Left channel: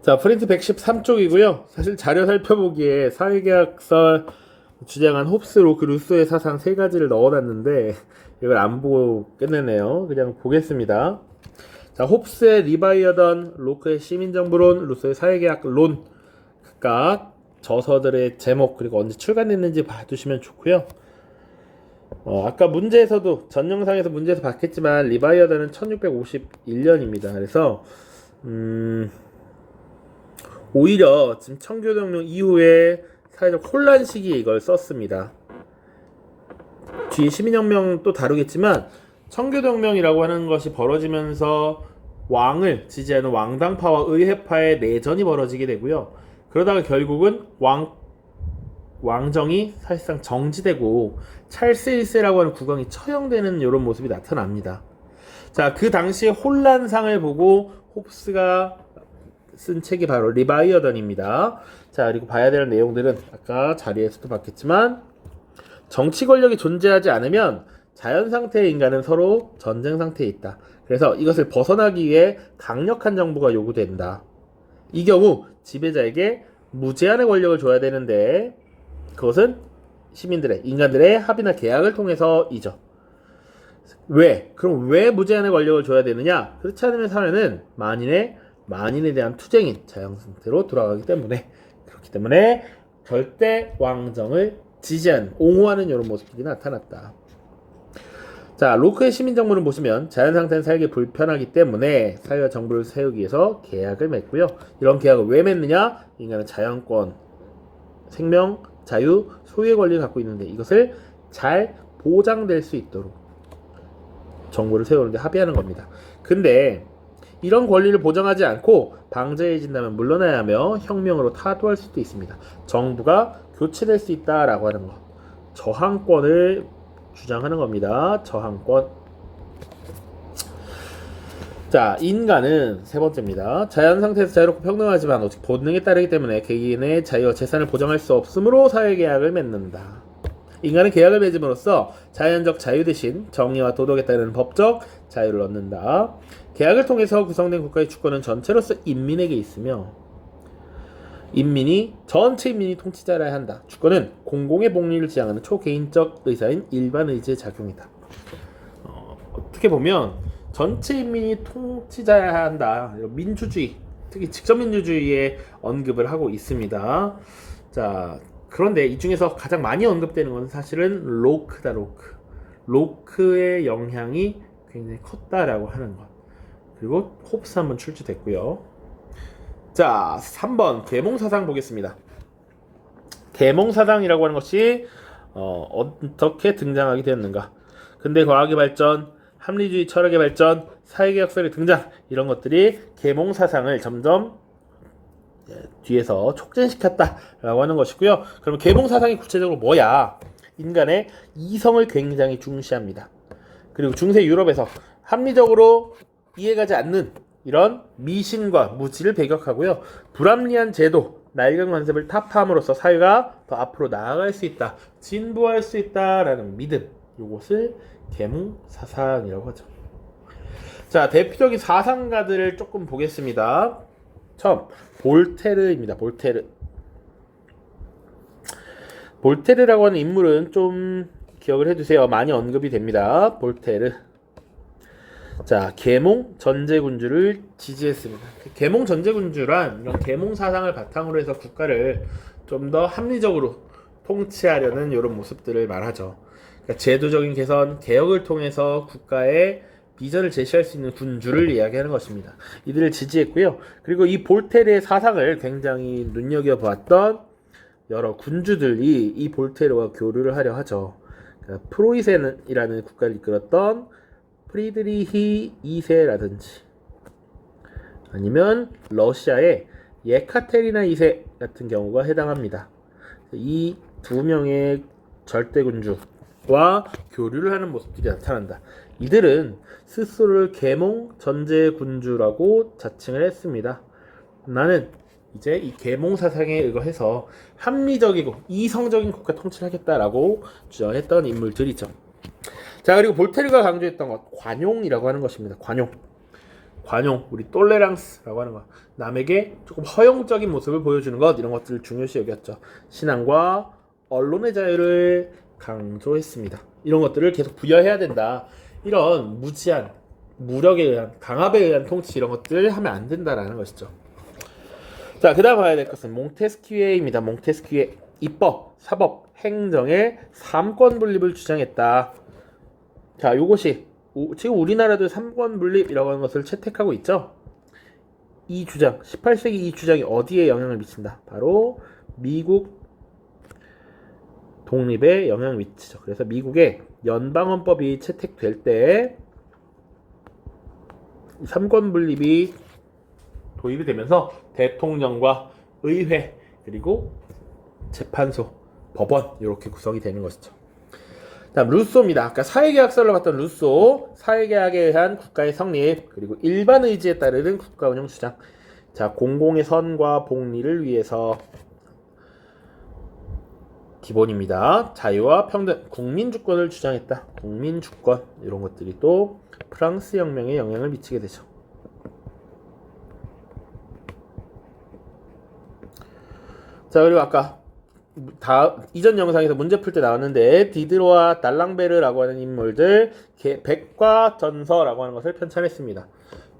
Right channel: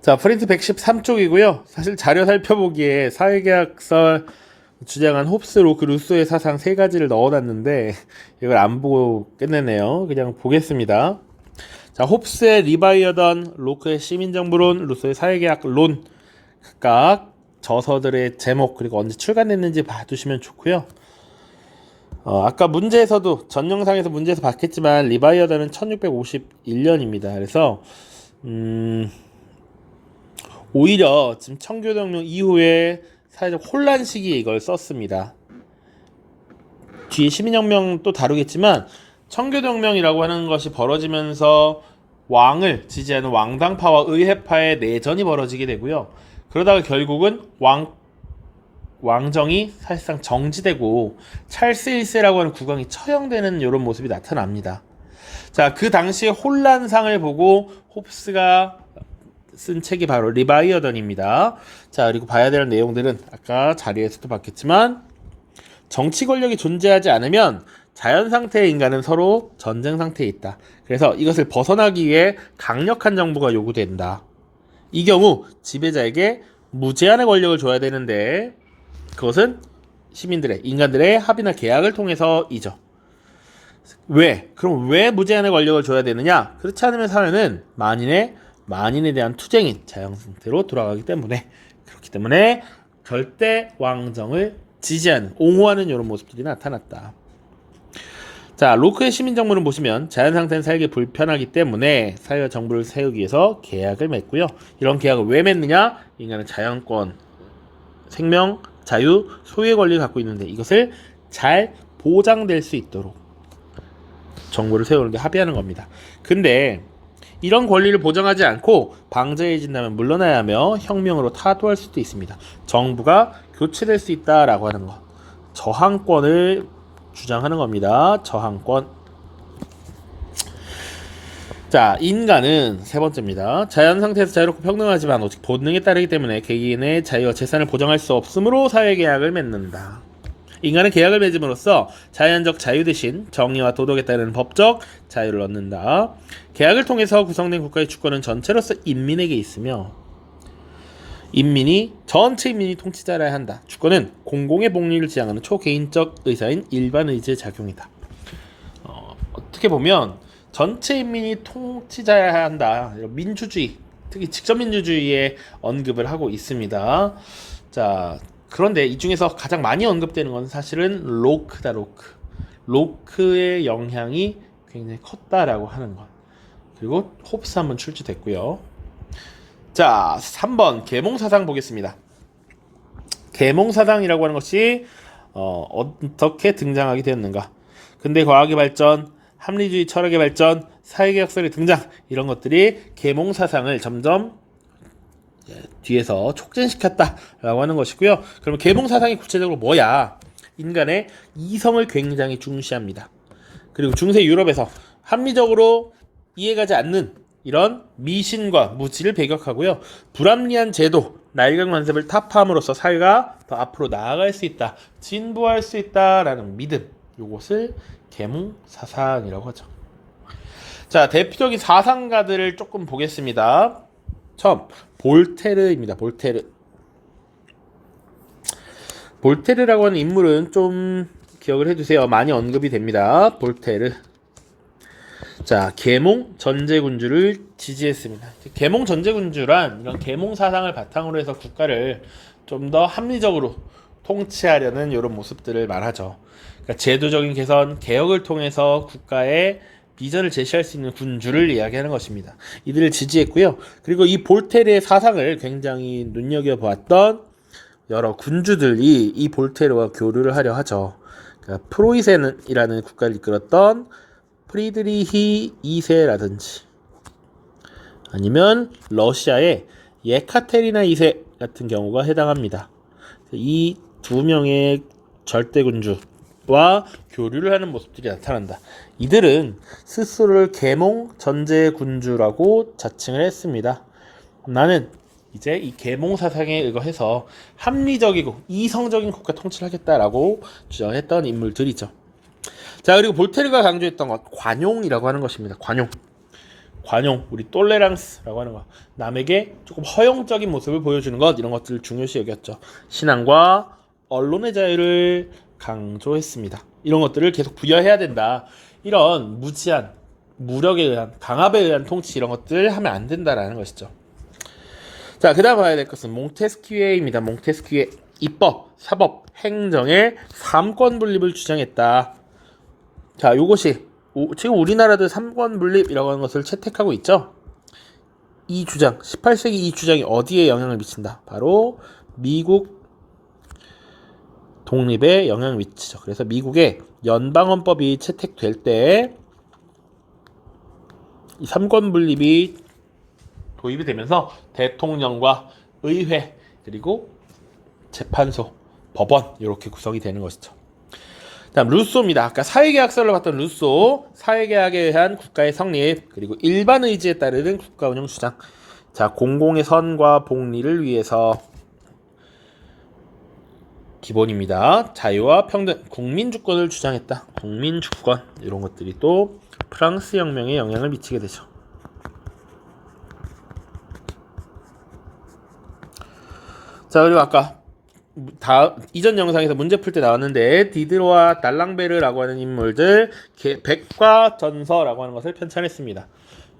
자, 프린트 113쪽이고요. 사실 자료 살펴보기에 사회계약서 주장한 홉스, 로크, 루소의 사상 세 가지를 넣어놨는데 이걸 안 보고 끝내네요. 그냥 보겠습니다. 자, 홉스의 리바이어던, 로크의 시민정부론, 루소의 사회계약론 각각 저서들의 제목 그리고 언제 출간됐는지 봐두시면 좋고요. 아까 문제에서도 전 영상에서 문제에서 봤겠지만 리바이어던은 1651년입니다. 그래서 오히려 지금 청교동령 이후에 사회적 혼란 시기에 이걸 썼습니다. 뒤에 시민혁명 또 다루겠지만 청교동명이라고 하는 것이 벌어지면서 왕을 지지하는 왕당파와 의회파의 내전이 벌어지게 되고요. 그러다가 결국은 왕정이 사실상 정지되고 찰스 1세라고 하는 국왕이 처형되는 이런 모습이 나타납니다. 자, 그 당시의 혼란상을 보고 홉스가 쓴 책이 바로 리바이어던입니다. 자, 그리고 봐야 될 내용들은 아까 자리에서도 봤겠지만 정치 권력이 존재하지 않으면 자연 상태의 인간은 서로 전쟁 상태에 있다. 그래서 이것을 벗어나기 위해 강력한 정부가 요구된다. 이 경우 지배자에게 무제한의 권력을 줘야 되는데 그것은 시민들의, 인간들의 합의나 계약을 통해서이죠. 왜? 그럼 왜 무제한의 권력을 줘야 되느냐? 그렇지 않으면 사회는 만인에 대한 투쟁인 자연 상태로 돌아가기 때문에, 그렇기 때문에 절대 왕정을 지지하는, 옹호하는 이런 모습들이 나타났다. 자, 로크의 시민정부는 보시면 자연 상태는 살기 불편하기 때문에 사회와 정부를 세우기 위해서 계약을 맺고요. 이런 계약을 왜 맺느냐? 인간은 자연권, 생명, 자유, 소유의 권리를 갖고 있는데 이것을 잘 보장될 수 있도록 정부를 세우는데 합의하는 겁니다. 근데 이런 권리를 보장하지 않고 방자해진다면 물러나야 하며 혁명으로 타도할 수도 있습니다. 정부가 교체될 수 있다라고 하는 것. 저항권을 주장하는 겁니다. 저항권. 자, 인간은 세 번째입니다. 자연 상태에서 자유롭고 평등하지만 오직 본능에 따르기 때문에 개인의 자유와 재산을 보장할 수 없으므로 사회계약을 맺는다. 인간은 계약을 맺음으로써 자연적 자유 대신 정의와 도덕에 따르는 법적 자유를 얻는다. 계약을 통해서 구성된 국가의 주권은 전체로서 인민에게 있으며 전체 인민이 통치자라야 한다. 주권은 공공의 복리를 지향하는 초개인적 의사인 일반 의지의 작용이다. 어떻게 보면 전체 인민이 통치자여야 한다. 민주주의, 특히 직접민주주의의 언급을 하고 있습니다. 자, 그런데 이 중에서 가장 많이 언급되는 건 사실은 로크다. 로크의 영향이 굉장히 컸다라고 하는 것. 그리고 홉스 한번 출제됐고요. 자, 3번 계몽사상 보겠습니다. 계몽사상이라고 하는 것이 어떻게 등장하게 되었는가? 근대 과학의 발전, 합리주의 철학의 발전, 사회계약설의 등장, 이런 것들이 계몽사상을 점점 뒤에서 촉진시켰다라고 하는 것이고요. 그럼 계몽사상이 구체적으로 뭐야? 인간의 이성을 굉장히 중시합니다. 그리고 중세 유럽에서 합리적으로 이해가지 않는 이런 미신과 무지를 배격하고요. 불합리한 제도, 낡은 관습을 타파함으로써 사회가 더 앞으로 나아갈 수 있다, 진보할 수 있다라는 믿음, 이것을 계몽사상이라고 하죠. 자, 대표적인 사상가들을 조금 보겠습니다. 처음 볼테르입니다. 볼테르라고 하는 인물은 좀 기억을 해두세요. 많이 언급이 됩니다. 볼테르. 자, 계몽 전제군주를 지지했습니다. 계몽 전제군주란 이런 계몽 사상을 바탕으로 해서 국가를 좀 더 합리적으로 통치하려는 이런 모습들을 말하죠. 그러니까 제도적인 개선, 개혁을 통해서 국가의 비전을 제시할 수 있는 군주를 이야기하는 것입니다. 이들을 지지했고요. 그리고 이 볼테르의 사상을 굉장히 눈여겨보았던 여러 군주들이 이 볼테르와 교류를 하려 하죠. 그러니까 프로이센이라는 국가를 이끌었던 프리드리히 2세라든지 아니면 러시아의 예카테리나 2세 같은 경우가 해당합니다. 이 두 명의 절대군주와 교류를 하는 모습들이 나타난다. 이들은 스스로를 계몽 전제군주라고 자칭을 했습니다. 나는 이제 이 계몽 사상에 의거해서 합리적이고 이성적인 국가 통치를 하겠다라고 주장했던 인물들이죠. 자, 그리고 볼테르가 강조했던 것, 관용이라고 하는 것입니다. 관용, 우리 똘레랑스라고 하는 거, 남에게 조금 허용적인 모습을 보여주는 것, 이런 것들을 중요시 여겼죠. 신앙과 언론의 자유를 강조했습니다. 이런 것들을 계속 부여해야 된다. 이런 무지한 무력에 의한, 강압에 의한 통치, 이런 것들 하면 안 된다라는 것이죠. 자, 그 다음 봐야 될 것은 몽테스키에입니다. 몽테스키에 입법, 사법, 행정의 3권 분립을 주장했다. 자, 요것이 지금 우리나라도 3권 분립이라고 하는 것을 채택하고 있죠. 이 주장, 18세기 이 주장이 어디에 영향을 미친다? 바로 미국 독립에 영향을 미치죠. 그래서 미국의 연방헌법이 채택될 때 이 3권 분립이 도입이 되면서 대통령과 의회 그리고 재판소, 법원 이렇게 구성이 되는 것이죠. 다음 루소입니다. 아까 사회계약서를 봤던 루소, 사회계약에 의한 국가의 성립 그리고 일반 의지에 따르는 국가 운영 주장. 자, 공공의 선과 복리를 위해서 기본입니다. 자유와 평등, 국민주권을 주장했다. 국민주권 이런 것들이 또 프랑스 혁명에 영향을 미치게 되죠. 자, 그리고 아까 이전 영상에서 문제 풀 때 나왔는데 디드로와 달랑베르라고 하는 인물들 백과전서라고 하는 것을 편찬했습니다.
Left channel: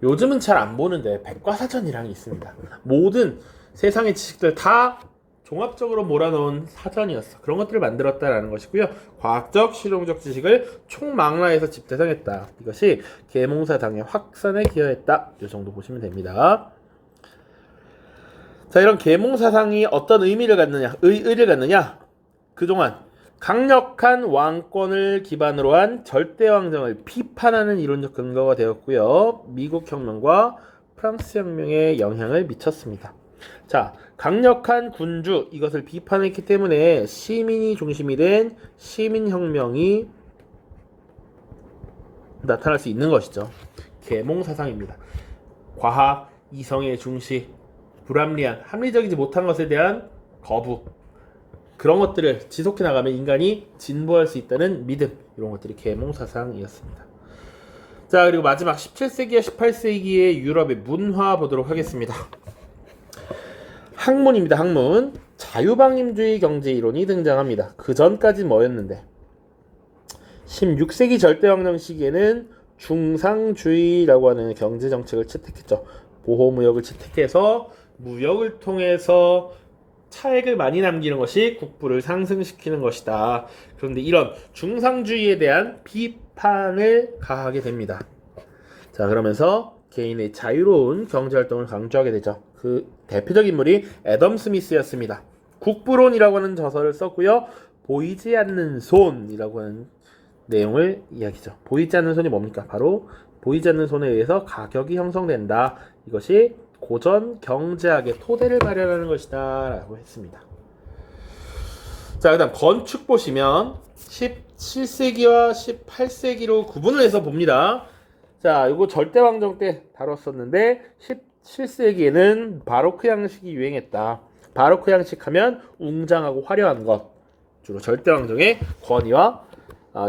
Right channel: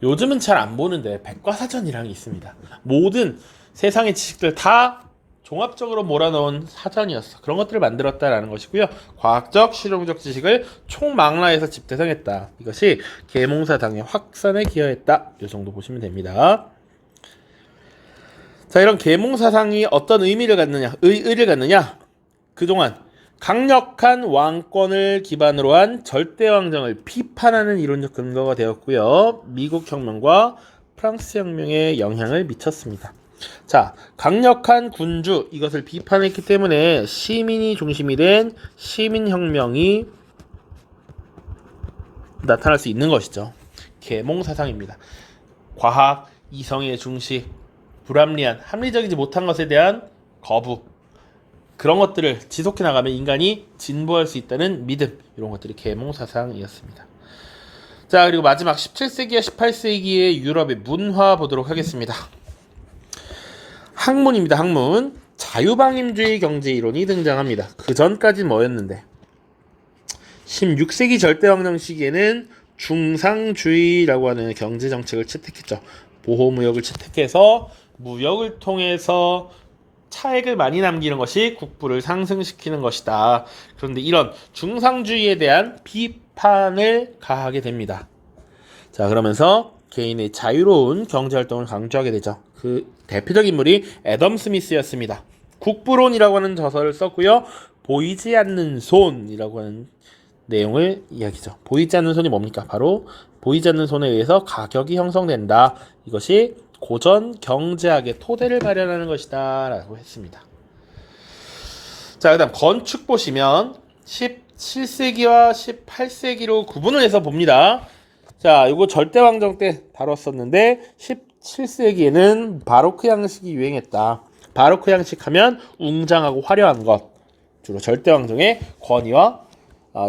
요즘은 잘 안 보는데 백과사전이라는 게 있습니다. 모든 세상의 지식들 다 종합적으로 몰아넣은 사전이었어. 그런 것들을 만들었다라는 것이고요. 과학적, 실용적 지식을 총망라해서 집대성했다. 이것이 계몽사상의 확산에 기여했다. 이 정도 보시면 됩니다. 자, 이런 계몽사상이 어떤 의미를 갖느냐, 의의를 갖느냐? 그동안 강력한 왕권을 기반으로 한 절대왕정을 비판하는 이론적 근거가 되었고요. 미국 혁명과 프랑스 혁명에 영향을 미쳤습니다. 자, 강력한 군주 이것을 비판했기 때문에 시민이 중심이 된 시민혁명이 나타날 수 있는 것이죠. 계몽사상입니다. 과학, 이성의 중시, 불합리한, 합리적이지 못한 것에 대한 거부, 그런 것들을 지속해 나가면 인간이 진보할 수 있다는 믿음, 이런 것들이 계몽사상이었습니다. 자, 그리고 마지막 17세기와 18세기의 유럽의 문화 보도록 하겠습니다. 학문입니다. 학문. 자유방임주의 경제이론이 등장합니다. 그 전까지는 뭐였는데 16세기 절대왕정 시기에는 중상주의라고 하는 경제정책을 채택했죠. 보호무역을 채택해서 무역을 통해서 차액을 많이 남기는 것이 국부를 상승시키는 것이다. 그런데 이런 중상주의에 대한 비판을 가하게 됩니다. 자, 그러면서 개인의 자유로운 경제활동을 강조하게 되죠. 그 대표적인 인물이 애덤 스미스였습니다. 국부론이라고 하는 저서를 썼고요. 보이지 않는 손이라고 하는 내용을 이야기죠. 보이지 않는 손이 뭡니까? 바로 보이지 않는 손에 의해서 가격이 형성된다. 이것이 고전 경제학의 토대를 마련하는 것이다 라고 했습니다. 자, 그 다음 건축 보시면 17세기와 18세기로 구분을 해서 봅니다. 자, 이거 절대왕정 때 다뤘었는데 17세기에는 바로크 양식이 유행했다. 바로크 양식 하면 웅장하고 화려한 것, 주로 절대왕정의 권위와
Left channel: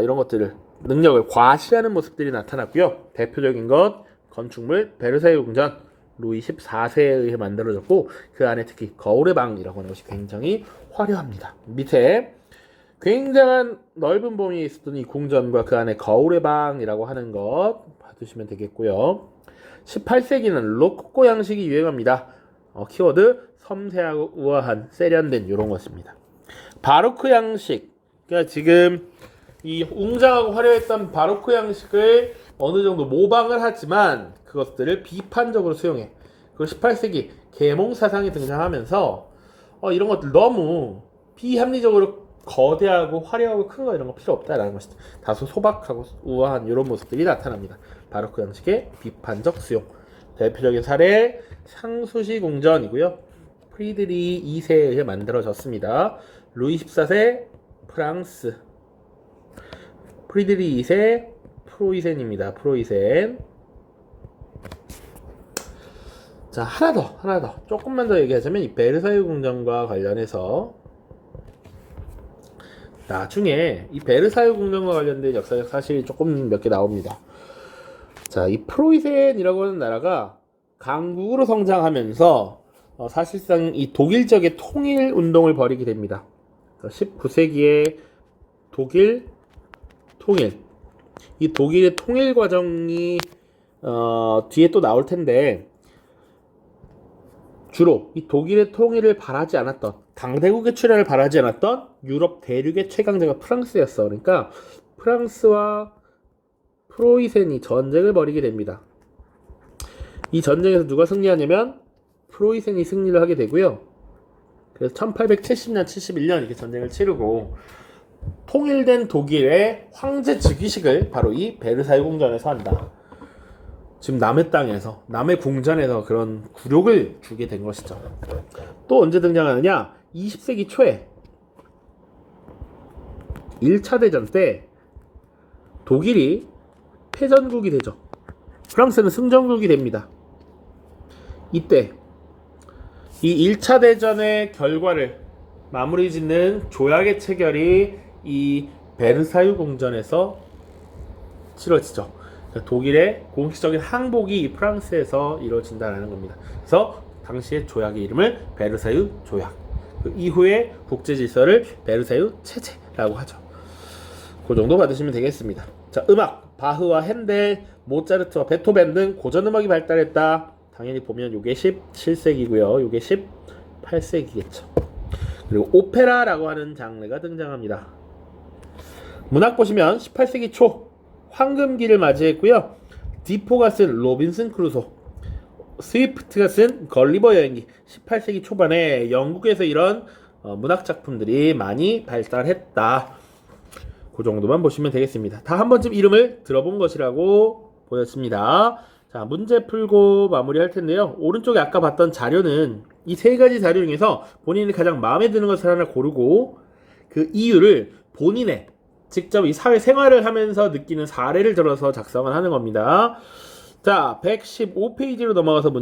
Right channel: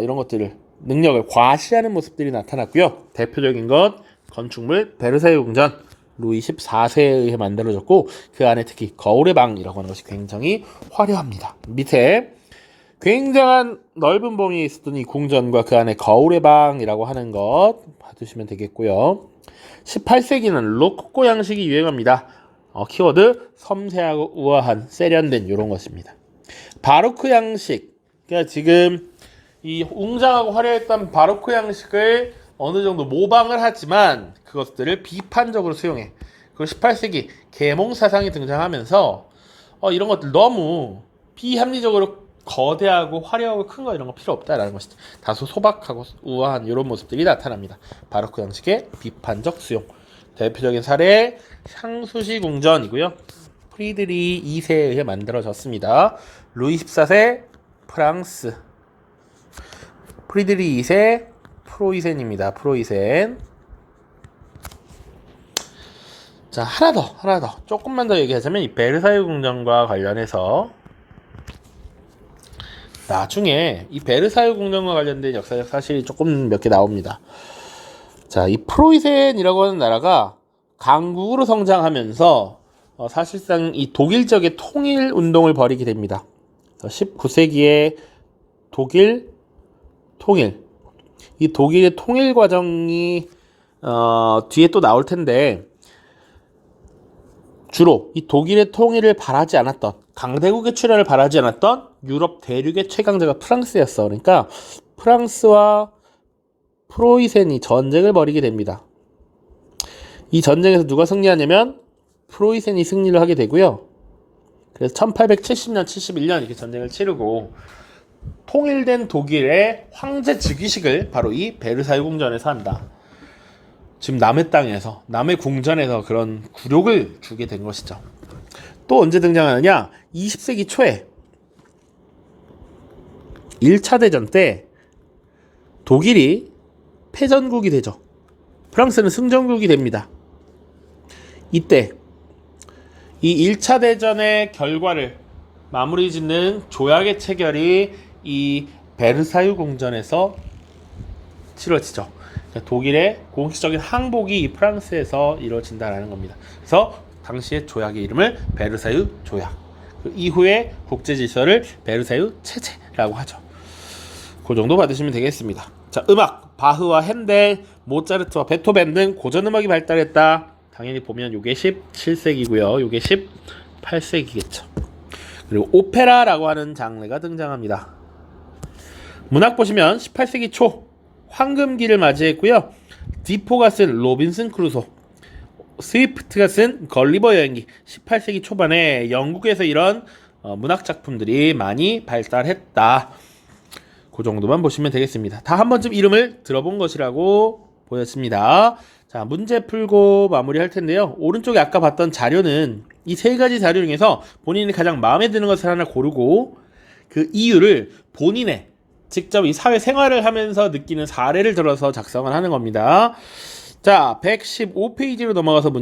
이런 것들을, 능력을 과시하는 모습들이 나타났고요. 대표적인 것 건축물 베르사유 궁전, 루이 14세에 의해 만들어졌고 그 안에 특히 거울의 방이라고 하는 것이 굉장히 화려합니다. 밑에 굉장한 넓은 범위에 있었던 이 궁전과 그 안에 거울의 방이라고 하는 것 봐두시면 되겠고요. 18세기는 로코코 양식이 유행합니다. 키워드 섬세하고 우아한, 세련된 이런 것입니다. 바로크 양식, 그러니까 지금 이 웅장하고 화려했던 바로크 양식을 어느 정도 모방을 하지만 그것들을 비판적으로 수용해. 그리고 18세기 계몽사상이 등장하면서 이런 것들 너무 비합리적으로 거대하고 화려하고 큰 거 이런 거 필요 없다라는 것이죠. 다소 소박하고 우아한 이런 모습들이 나타납니다. 바로크 양식의 비판적 수용. 대표적인 사례 향수시 궁전이고요. 프리드리 2세에 의해 만들어졌습니다. 루이 14세 프랑스, 프리드리 2세 프로이센입니다. 프로이센. 자, 하나 더 조금만 더 얘기하자면 이 베르사유 궁전과 관련해서 나중에 이 베르사유 궁전과 관련된 역사적 사실이 조금 몇 개 나옵니다. 자, 이 프로이센이라고 하는 나라가 강국으로 성장하면서 사실상 이 독일적의 통일 운동을 벌이게 됩니다. 19세기에 독일 통일, 이 독일의 통일 과정이 뒤에 또 나올 텐데, 주로 이 독일의 통일을 바라지 않았던, 강대국의 출현을 바라지 않았던 유럽 대륙의 최강자가 프랑스였어. 그러니까 프랑스와 프로이센이 전쟁을 벌이게 됩니다. 이 전쟁에서 누가 승리하냐면 프로이센이 승리를 하게 되고요. 그래서 1870년, 71년 이렇게 전쟁을 치르고 통일된 독일의 황제 즉위식을 바로 이 베르사유 궁전에서 한다. 지금 남의 땅에서, 남의 궁전에서 그런 굴욕을 주게 된 것이죠. 또 언제 등장하느냐? 20세기 초에 1차 대전 때 독일이 패전국이 되죠. 프랑스는 승전국이 됩니다. 이때 이 1차 대전의 결과를 마무리 짓는 조약의 체결이 이 베르사유 궁전에서 치러지죠. 독일의 공식적인 항복이 이 프랑스에서 이루어진다는 겁니다. 그래서 당시의 조약의 이름을 베르사유 조약. 그 이후에 국제 질서를 베르사유 체제라고 하죠. 그 정도 받으시면 되겠습니다. 자, 음악 바흐와 핸델, 모차르트와 베토벤 등 고전 음악이 발달했다. 당연히 보면 요게 17세기고요. 요게 18세기겠죠. 그리고 오페라라고 하는 장르가 등장합니다. 문학 보시면 18세기 초 황금기를 맞이했고요. 디포가 쓴 로빈슨 크루소, 스위프트가 쓴 걸리버 여행기, 18세기 초반에 영국에서 이런 문학 작품들이 많이 발달했다. 그 정도만 보시면 되겠습니다. 다 한 번쯤 이름을 들어본 것이라고 보였습니다. 자, 문제 풀고 마무리할 텐데요. 오른쪽에 아까 봤던 자료는 이 세 가지 자료 중에서 본인이 가장 마음에 드는 것을 하나 고르고 그 이유를 본인의 직접 이 사회 생활을 하면서 느끼는 사례를 들어서 작성을 하는 겁니다. 자, 115페이지로 넘어가서 문제